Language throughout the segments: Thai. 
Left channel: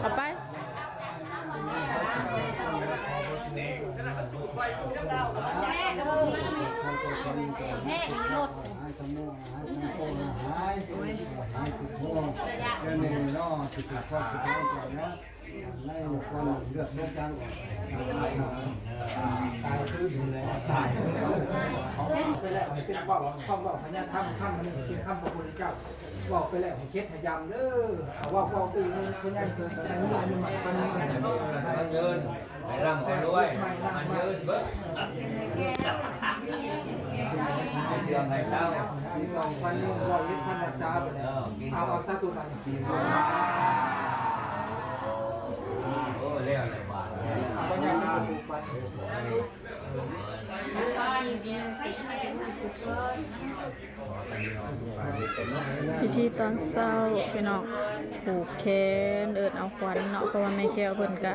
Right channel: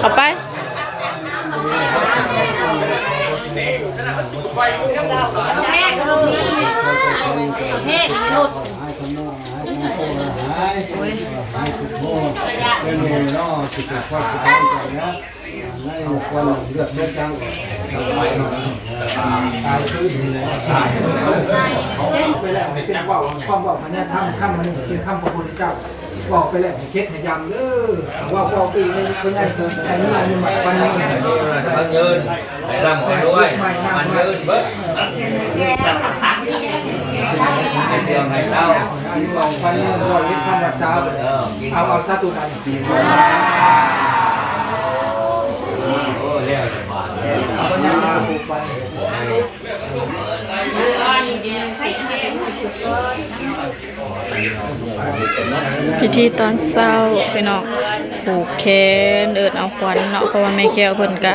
เข้าไปในคนเลือดเลือดจังตายคืออยู่แล้วตายไปแล้วให้เป็นว่าความบอกมันเนี่ยทำมันเป็นคำพระพุทธเจ้าบอกไปแล้วให้เค็ดให้ยำเด้อว่าปีนี้เป็นไงคือไอ้นี่มันวันนี้มันยืนให้ร่ำกันด้วยมันยืนเบิ้ลให้เตรียมให้เต้าบอกวันนี้รอยพันรักษาเอาซาตุกันโอ้เรียกบาทพิธีตอนเช้าพี่น้องผูกแขนเอิดเอาขวัญเนาะเพราะว่าแม่แก้วเพิ่นก็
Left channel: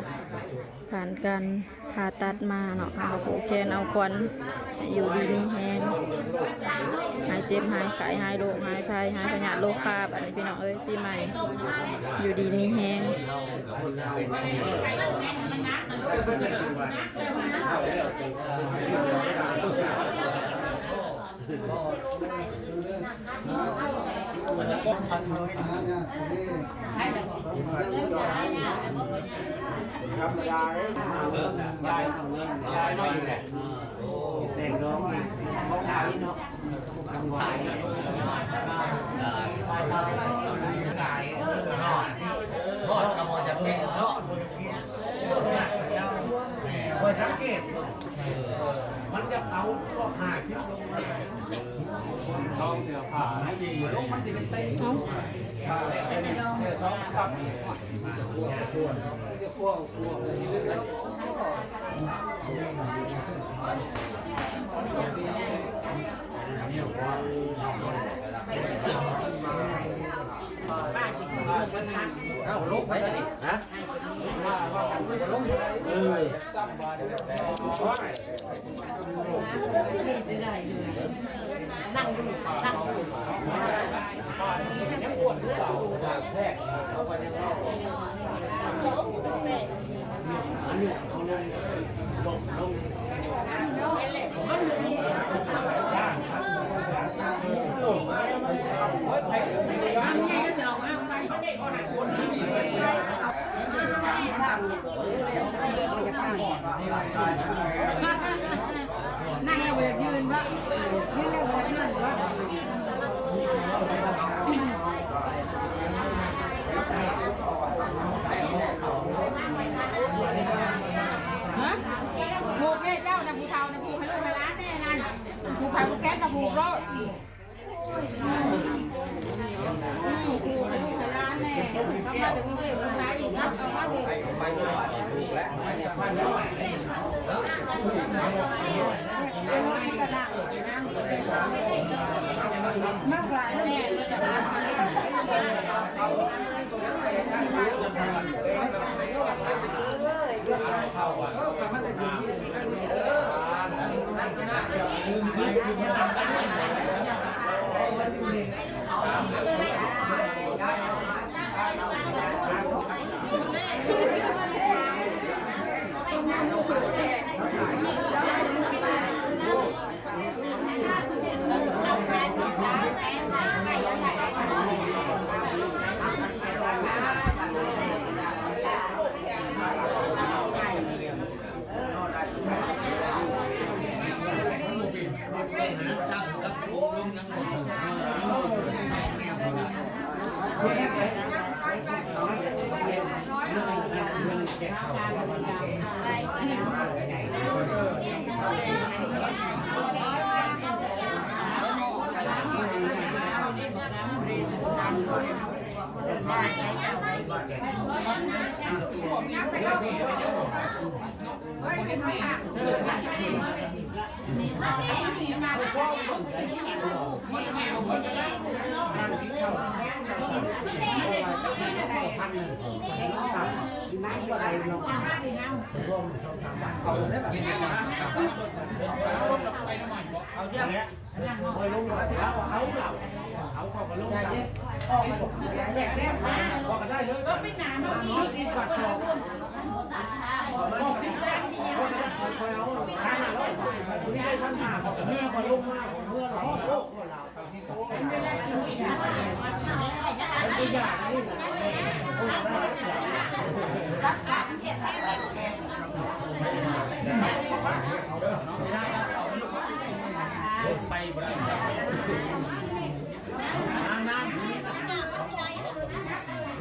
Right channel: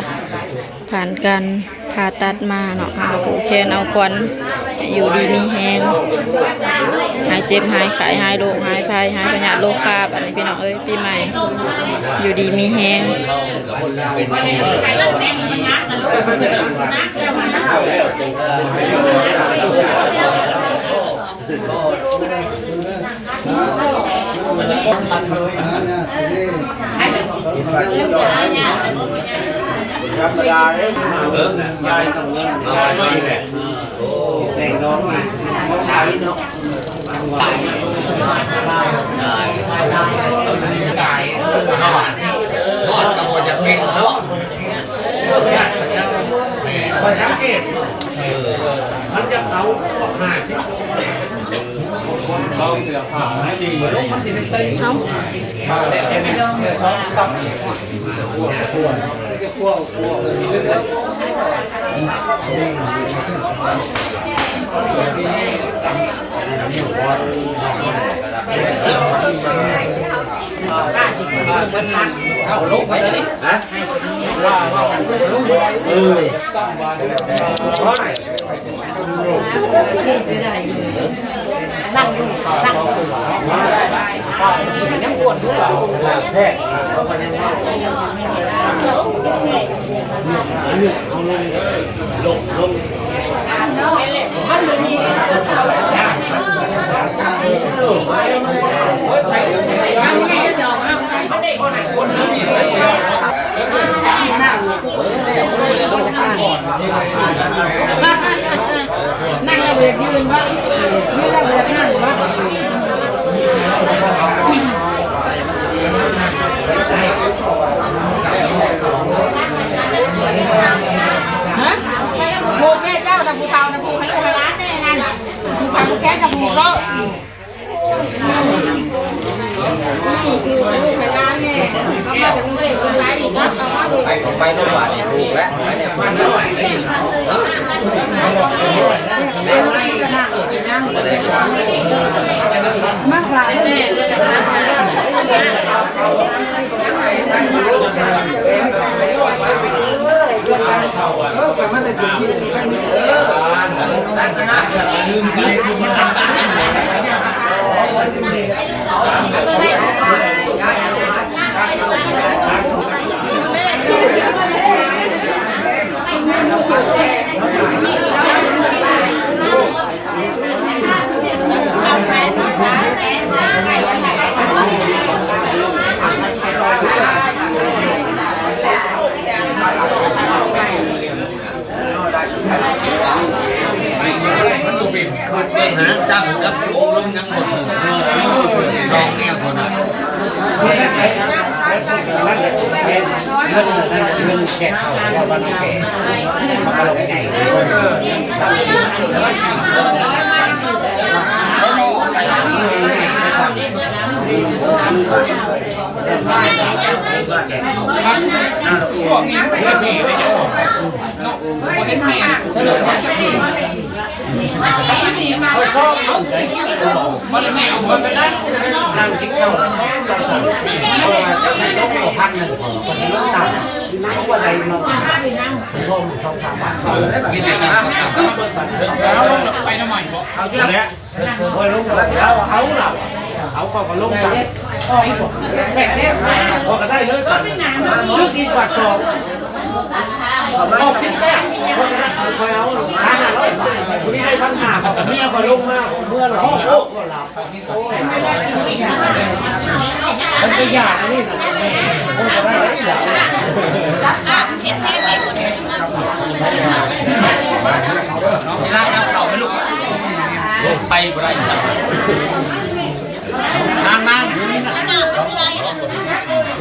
ผ่านการผ่าตัดมาเนาะผูกแขนเอาขวัญอยู่ดีมีแฮงหายเจ็บหายไข้หายโรคหายภัยหายพยาธิโรคคาบอันนี้พี่น้องเอ้ยปีใหม่อยู่ดีมีแฮงธรรมดาเลยยายต้องเงินยายไม่แหละแต่งน้องมาเขาขายเนาะนอดกระโดดจะเก่งเนาะคอยสังเกตมันจะเขา50เขาเสือผ้าให้ดีเหมือนลูกมันจะไม่ใส่เขาแต่ไม่ต้องชอบซับขั้วที่เลือดเอาลงไปเลยนะว่านั่งอยู่นั่งยังปวดอยู่หรอแพทย์เขาไปยังไงลงมันมีนั่งเบียดยืนวะยืนแล้วเบียดนั่งวะฮะผูกแม่เจ้าตะผูเตาตะผูให้ลูกให้ร้านแน่นั่นผูไปผูแก่ตะผูก็คือลูกให้ร้านแน่ก็มาถึงเรื่องอะไรอีกนะเอามาดูไปโรงพยาบาลถูกแล้วมากกว่าแม่จับกับสูงลงยังหมดลองแก้วคนนั้นเงินแก่เขาว่าบ้านแก่มาลงไงเขาชอบมันไม่เอาคนไปได้นั่งกินข้าวจะให้ลูก1,100คนที่ลูกต่ำเพราะว่าใดมาส้ม2-3 บาทกินอะไรกันแล้วลงไปน้ำมันเอาเยอะแล้วพอลงแล้วเอาเราเขาก็ลงสั่งไอ้ผมแม่เนี่ยพอก็ได้เลยก่อนลึกอีก กว่าสอง60แก้วคอยเอา500 บาทคุณนี่ให้พันหาของเมียก็ลงมาเมื่อเราโอ้ก็หลับมันจะยากนี่นะโอ้ก็ได้หลาย นี่ร้านเขาไม่ลูกไปบ่ได้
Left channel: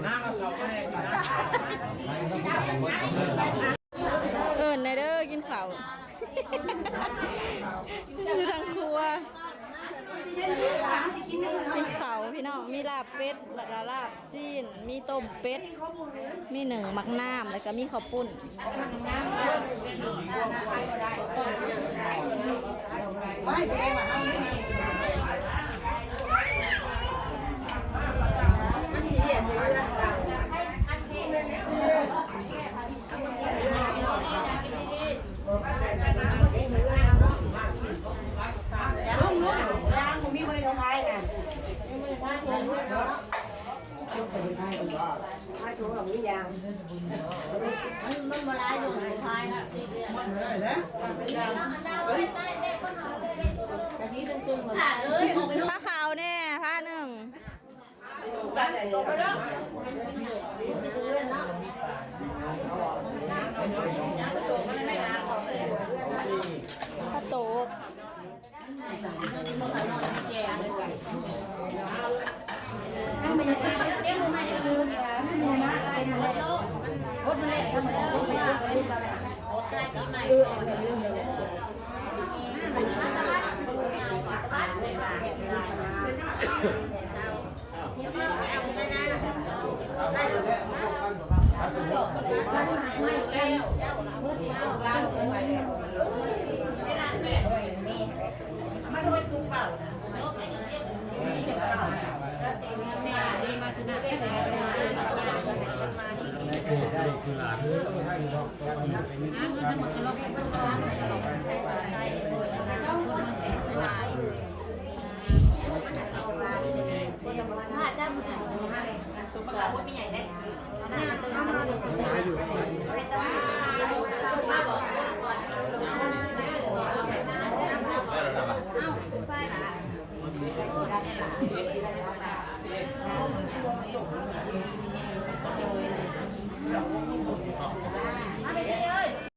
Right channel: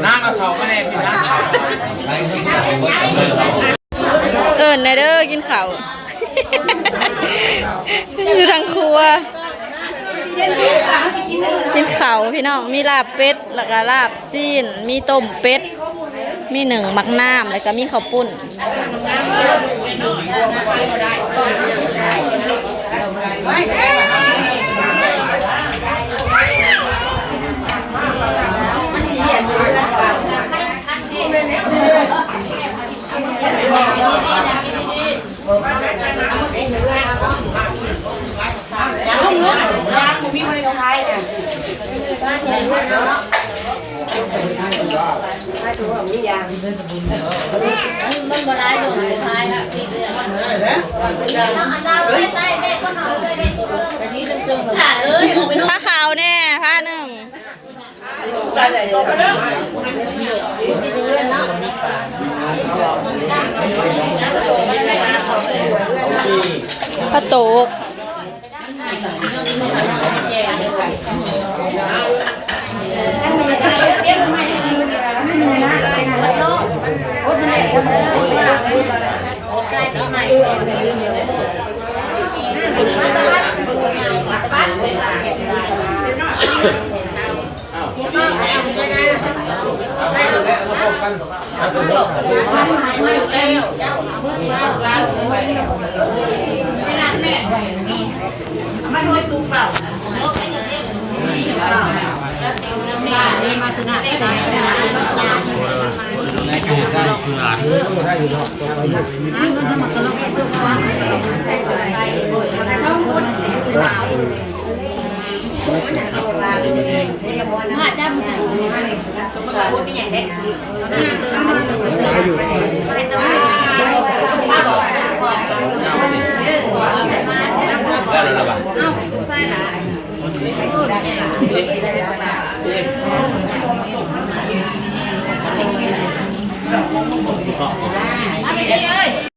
นั่งเอาเขาก็ได้พี่นะ ในเด้อกินข้าว อยู่ทางครัวกินข้าวพี่น้องมีลาบเป็ดแล้วก็ลาบซีนมีต้มเป็ดมีหนึ่งมักน้ำแล้วก็มีข้าวปุ้นผ้าขาวแน่ผ้าหนึ่งผ้าโต๊ะ